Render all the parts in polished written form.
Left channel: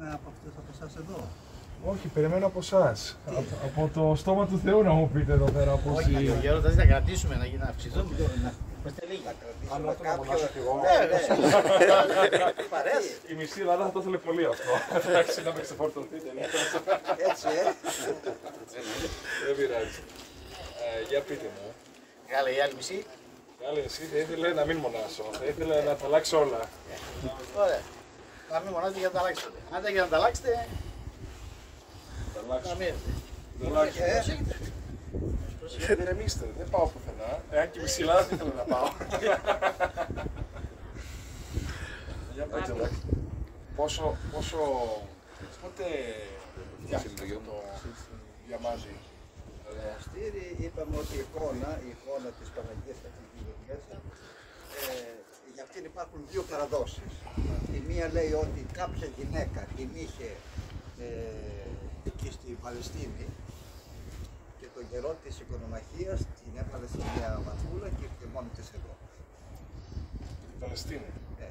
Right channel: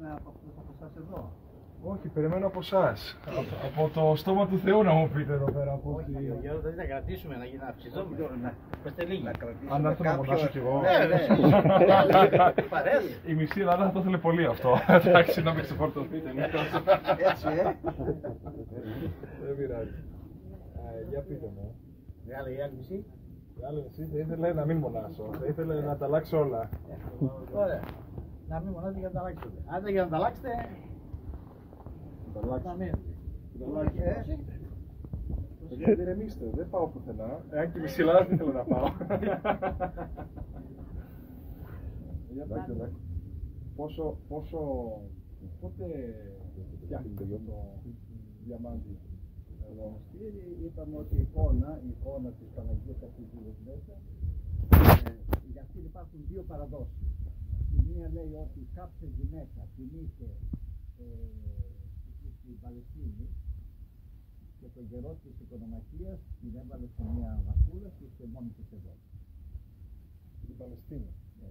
Από αυτούς από εσάς εδώ. Όχι, περιμένω από εσάς. Από το στόμα του Θεού να μου πείτε εδώ πέρα. Όχι, γέροντας να κρατήσουμε, να αυξηθούμε. Είμαστε λίγοι. Αν έρθω να μονάσω κι εγώ. Η μισή Ελλάδα θα το ήθελε πολύ αυτό. Εντάξει, να με ξεφορτωθείτε. Έτσι, Δεν πειράζει. Για πείτε μου. Η άλλη μισή. Η άλλη μισή θα ήθελε να μην μονάσω. Θα ήθελε να τα αλλάξει όλα. Ωραία. Να μην μονάζετε για να τα αλλάξετε. Αν για να τα αλλάξετε. Να μην. Ηρεμήστε, δεν πάω πουθενά. Εάν και η μισή Ελλάδα δεν θέλω να πάω. Πόσο... Πότε φτιάχτηκε το διαμάντι? Το μοναστήρι είπαμε ότι η εικόνα της Παναγίας αυτής της Γεωργίας, για αυτήν υπάρχουν δύο παραδόσεις. Η μία λέει ότι κάποια γυναίκα την είχε εκεί στη Παλαιστίνη και τον καιρό της οικονομαχίας την έβαλε σε μια βαθούλα και ήρθε μόνη της εδώ. Στην Παλαιστίνη. Ναι.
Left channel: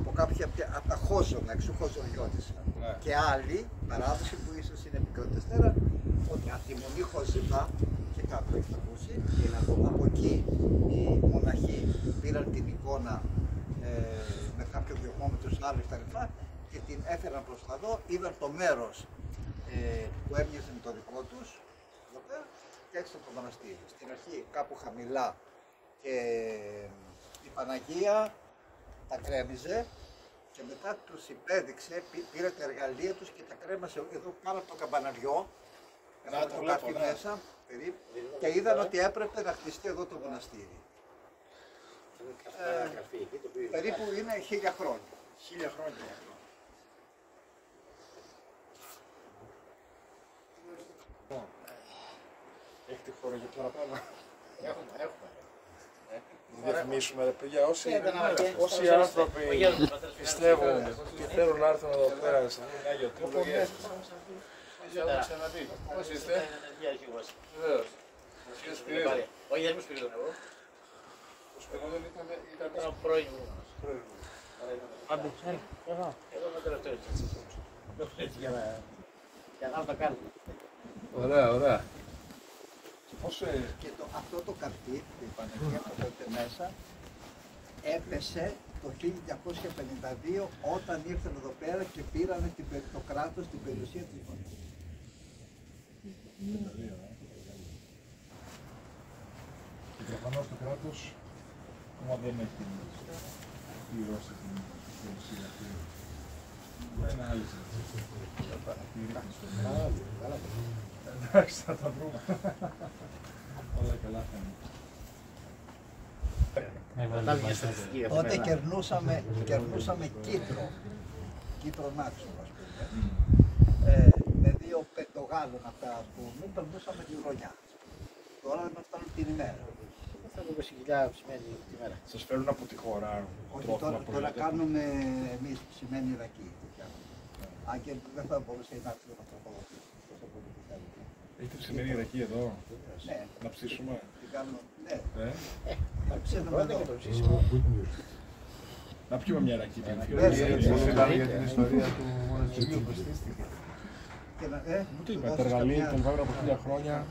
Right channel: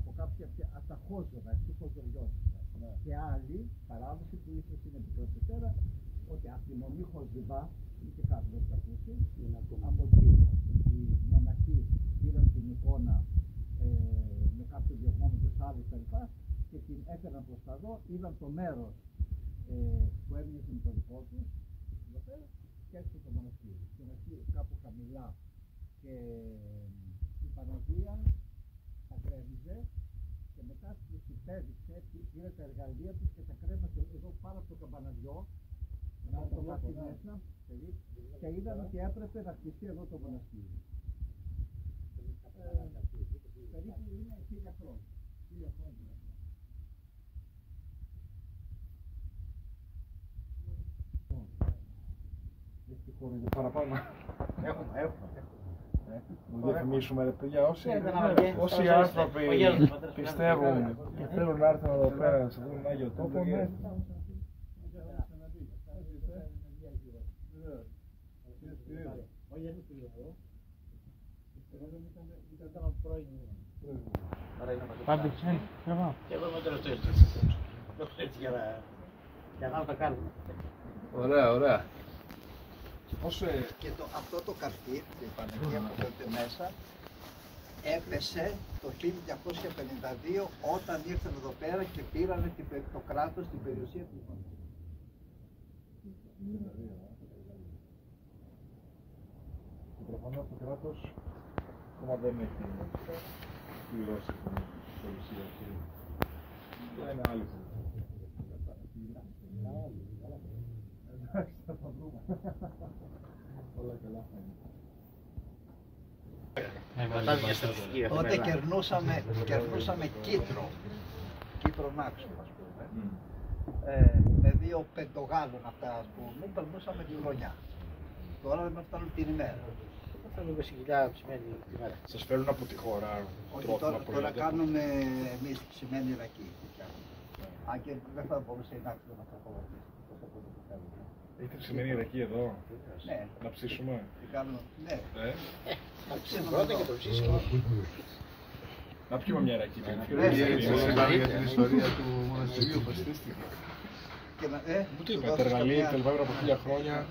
Από κάποια από τα χώζωνα, εξοχωζωριώτησα. Ναι. Και άλλη παράδοση που ίσως είναι επικρατεστέρα, ότι από τη Μονή Χωζιβά, και κάτω έχετε ακούσει, από εκεί οι μοναχοί πήραν την εικόνα με κάποιο διωγμόμετρο άλλο κτλ. Και την έφεραν προς τα εδώ, είδαν το μέρος που έμοιαζε με το δικό τους, εδώ πέρα, και έξω από το μοναστήρι. Στην αρχή κάπου χαμηλά και η Παναγία τα κρέμιζε και μετά τους υπέδειξε, πήρε τα εργαλεία τους και τα κρέμασε εδώ πάνω από το καμπαναριό, το καρφί μέσα, και είδαν ότι έπρεπε να χτιστεί εδώ το μοναστήρι. Περίπου είναι 1000 χρόνια. 1000 χρόνια. Έχετε χώρο για παραπάνω? Έχουμε. Να διαφημίσουμε ρε παιδιά, όσοι άνθρωποι πιστεύουν και θέλουν να έρθουν εδώ πέρα σε αυτόν τον Άγιο Τόπο. Πώς είστε? Βεβαίως. Όχι, δεν μου σπίτι τον εγώ. Ο Σπυρίδων Ήταν ο πρώην μου. Άντε, φεύγα. Και εγώ είμαι τελευταίο έτσι για να τα κάνουμε. Ωραία. Και αυτό το καρφί, η Παναγία που φέρετε μέσα, έπεσε το 1252 όταν ήρθαν εδώ πέρα και πήραν το κράτος την περιουσία της Ιωνίας. Και προφανώς το κράτος ακόμα δεν έχει πληρώσει την περιουσία αυτή. Είναι άλλη συζήτηση. Εντάξει, θα τα βρούμε. Όλα καλά θα είναι. Τότε κερνούσαμε Κύπρο Νάξο, ας πούμε. Με 2 πεντογάλων αυτά, ας πούμε, περνούσαμε τη χρονιά. Τώρα δεν μας φτάνουν την ημέρα. Θα δούμε συγκεκριμένα σημαίνει τη μέρα. Σας φέρουν από τη χώρα. Όχι, τώρα κάνουμε εμείς ψημένη ρακή. Αν και δεν θα μπορούσε να έρθει να τροφοδοτήσει. Έχετε ψημένη ρακή εδώ? Ναι. Να ψήσουμε? Ναι. Θα ψήσουμε πρώτα και το ψήσουμε. Να πιούμε μια ρακή. Σας είπαμε για την ιστορία του μοναστηριού που στήστηκε. Μου το είπα, τα εργαλεία τα λιβάγουν από 1000 χρόνια.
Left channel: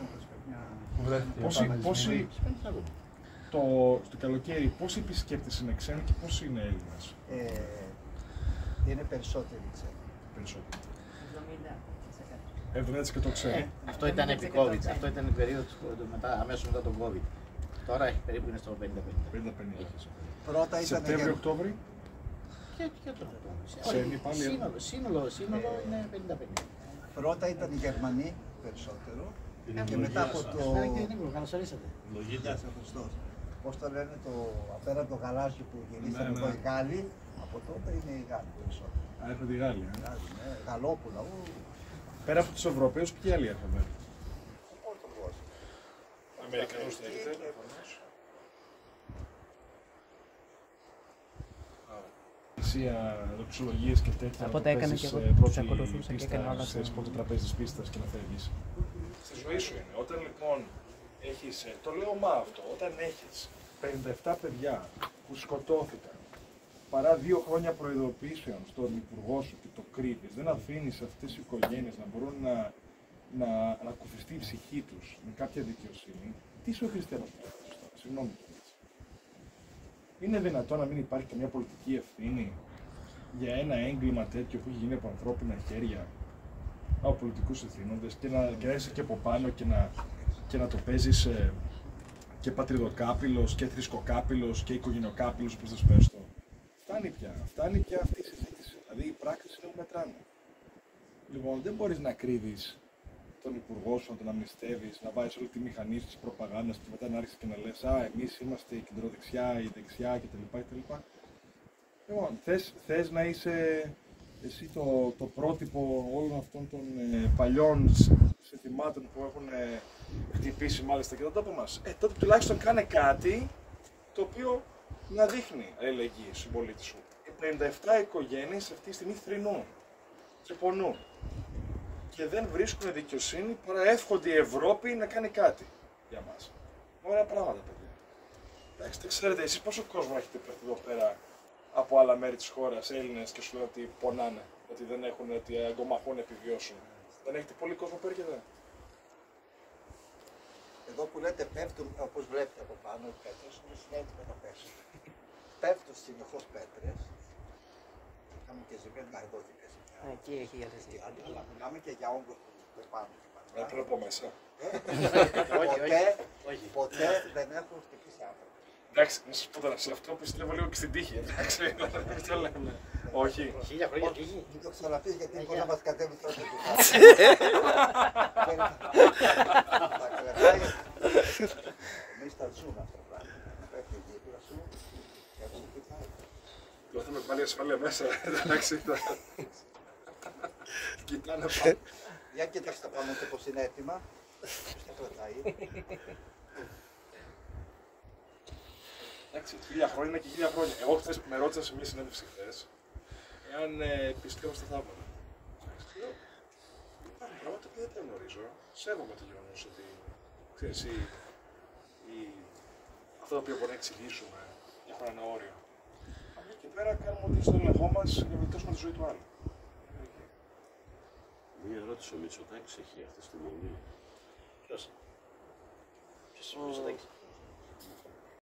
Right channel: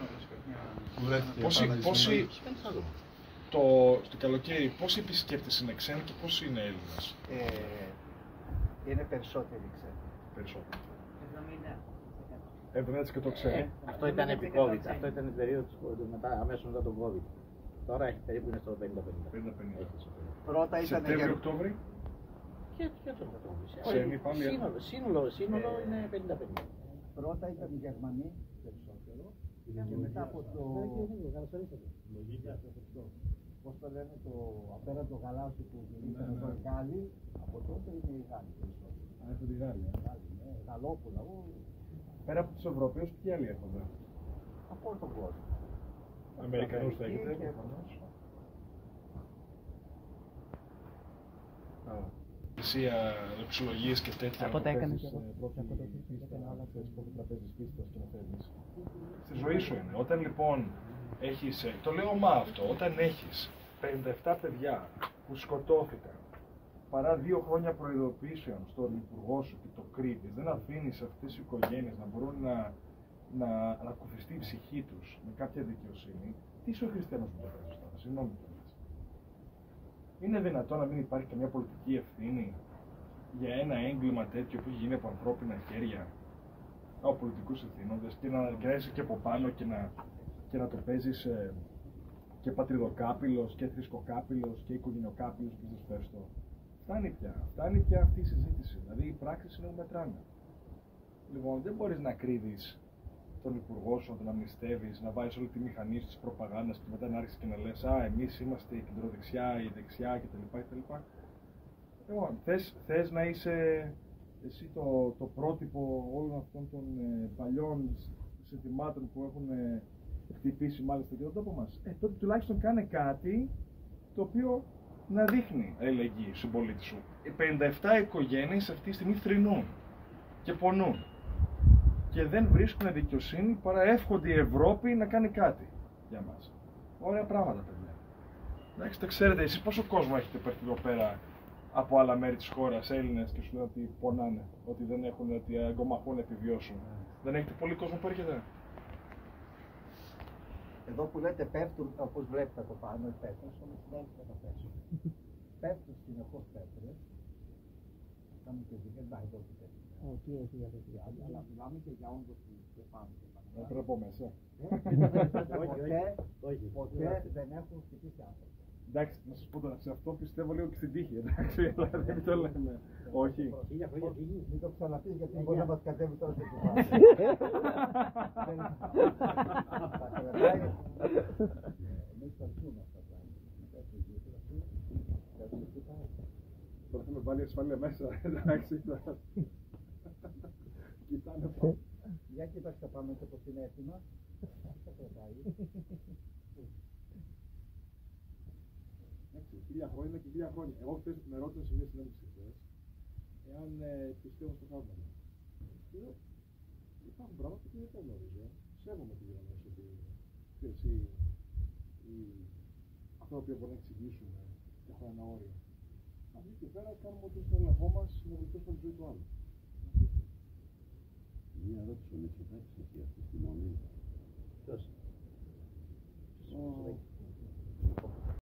Στο καλοκαίρι, πόσοι επισκέπτες είναι ξένοι και πόσοι είναι Έλληνες? Είναι περισσότεροι ξένοι. Περισσότεροι. 70% ξένοι. Αυτό ήταν επί COVID. Αυτό ήταν η περίοδο αμέσως μετά τον COVID. Τώρα περίπου είναι στο 50-50. Πρώτα ήταν Σεπτέμβριο-Οκτώβρη. Και το σύνολο είναι 50-50. Πρώτα ήταν οι Γερμανοί περισσότερο και μετά από το... Καλώς ορίσατε. Γεια σας, Χριστός. Πώς το λένε, απέναντι το γαλάζιο που γυρίσαν εδώ οι Γάλλοι, από τότε είναι οι Γάλλοι περισσότερο. Έρχονται οι Γάλλοι. Γαλλόπουλα. Πέρα από τους Ευρωπαίους, ποιοι άλλοι έρχονται? Από όλο τον κόσμο. Αμερικανούς θα έχετε, προφανώς. Δοξολογίες και τέτοια. Οπότε έκανε και εγώ τους ακολουθούσα και έκανε όλα αυτά. Ξέρεις πότε τραπέζι της πίστας και να φεύγεις. Στη ζωή σου είναι. Όταν λοιπόν έχεις, το λέω αυτό, όταν έχεις 57 παιδιά που σκοτώθηκαν παρά 2 χρόνια προειδοποιήσεων στον υπουργό σου και το κρύβεις, δεν αφήνεις αυτές οι οικογένειες να μπορούν να ανακουφιστεί η ψυχή τους με κάποια δικαιοσύνη, τι είσαι ο χριστιανός που το κάνεις τώρα, συγγνώμη κιόλας. Είναι δυνατόν να μην υπάρχει καμία πολιτική ευθύνη για ένα έγκλημα τέτοιο που έχει γίνει από ανθρώπινα χέρια, από πολιτικούς ευθύνοντες, και να βγαίνεις και από πάνω και να το παίζεις και πατριδοκάπηλος και θρησκοκάπηλος και οικογενειοκάπηλος, όπως θες πες το. Φτάνει πια αυτή η συζήτηση. Δηλαδή οι πράξεις είναι που μετράνε. Λοιπόν, δεν μπορείς να κρύβεις τον υπουργό σου, να τον αμνηστεύεις, να βάζεις όλη τη μηχανή της προπαγάνδας και μετά να άρχισεις και να λες «Α, εμείς είμαστε η κεντροδεξιά, η δεξιά» κτλ. Λοιπόν, θες να είσαι εσύ το πρότυπο όλων αυτών των παλιών συνθημάτων που έχουν χτυπήσει μάλιστα και τον τόπο μας. Τότε τουλάχιστον κάνε κάτι το οποίο να δείχνει αλληλεγγύη στον πολίτη σου. Οι 57 οικογένειες αυτή τη στιγμή θρηνούν και πονούν και δεν βρίσκουν δικαιοσύνη παρά εύχονται η Ευρώπη να κάνει κάτι για μας. Ωραία πράγματα, παιδιά. Εντάξει, τα ξέρετε εσείς πόσο κόσμο έχετε περθεί εδώ πέρα από άλλα μέρη της χώρας, Έλληνες, και σου λένε ότι πονάνε, ότι δεν έχουν, ότι αγκομαχούν να επιβιώσουν. Δεν έχετε πολύ κόσμο που έρχεται. Εδώ που λέτε πέφτουν, όπως βλέπετε από πάνω, οι πέτρες, είναι συνέχεια που θα πέσουν. Πέφτουν συνεχώς πέτρες. Κάνουμε και ζημίες, να εδώ και ζημιά. Εκεί έχει διαθέσει. Αλλά μιλάμε και για όγκος που πάνω και πάνω. Πρέπει να πω μέσα. Ποτέ δεν έχουν χτυπήσει άνθρωπο. Εντάξει, να σας πω τώρα, σε αυτό πιστεύω λίγο και στην τύχη, εντάξει, δεν το λέμε. Όχι. 1000 χρόνια τύχη. Μην το ξαναπείς γιατί μπορεί να μας κατέβει τώρα το κουβάρι. Θα κρατάει, μη στατσούν αυτό το πράγμα. Πέφτει η γύφυρα σου και έτσι κοιτάει. Τώρα θα με βάλει ασφάλεια μέσα, εντάξει. Κοιτάνε πάνω. Για κοιτάξτε πάνω και πως είναι έτοιμα. Ποιος τα κρατάει. Εντάξει, 1000 χρόνια είναι και 1000 χρόνια. Εγώ χθες με ρώτησαν σε μια συνέντευξη χθες, εάν πιστεύω στα θαύματα. Λέω, υπάρχουν πράγματα που δεν τα γνωρίζω. Σέβομαι το γεγονός ότι, ξέρεις, αυτά τα οποία μπορούμε να εξηγήσουμε έχουν ένα όριο. Από εκεί και πέρα κάνουμε ό,τι στο έλεγχό μας για να βελτιώσουμε τη ζωή του άλλου. Μία ερώτηση, ο Μητσοτάκης έχει αυτή τη στιγμή. Ποιος? Ποιος Μητσοτάκης?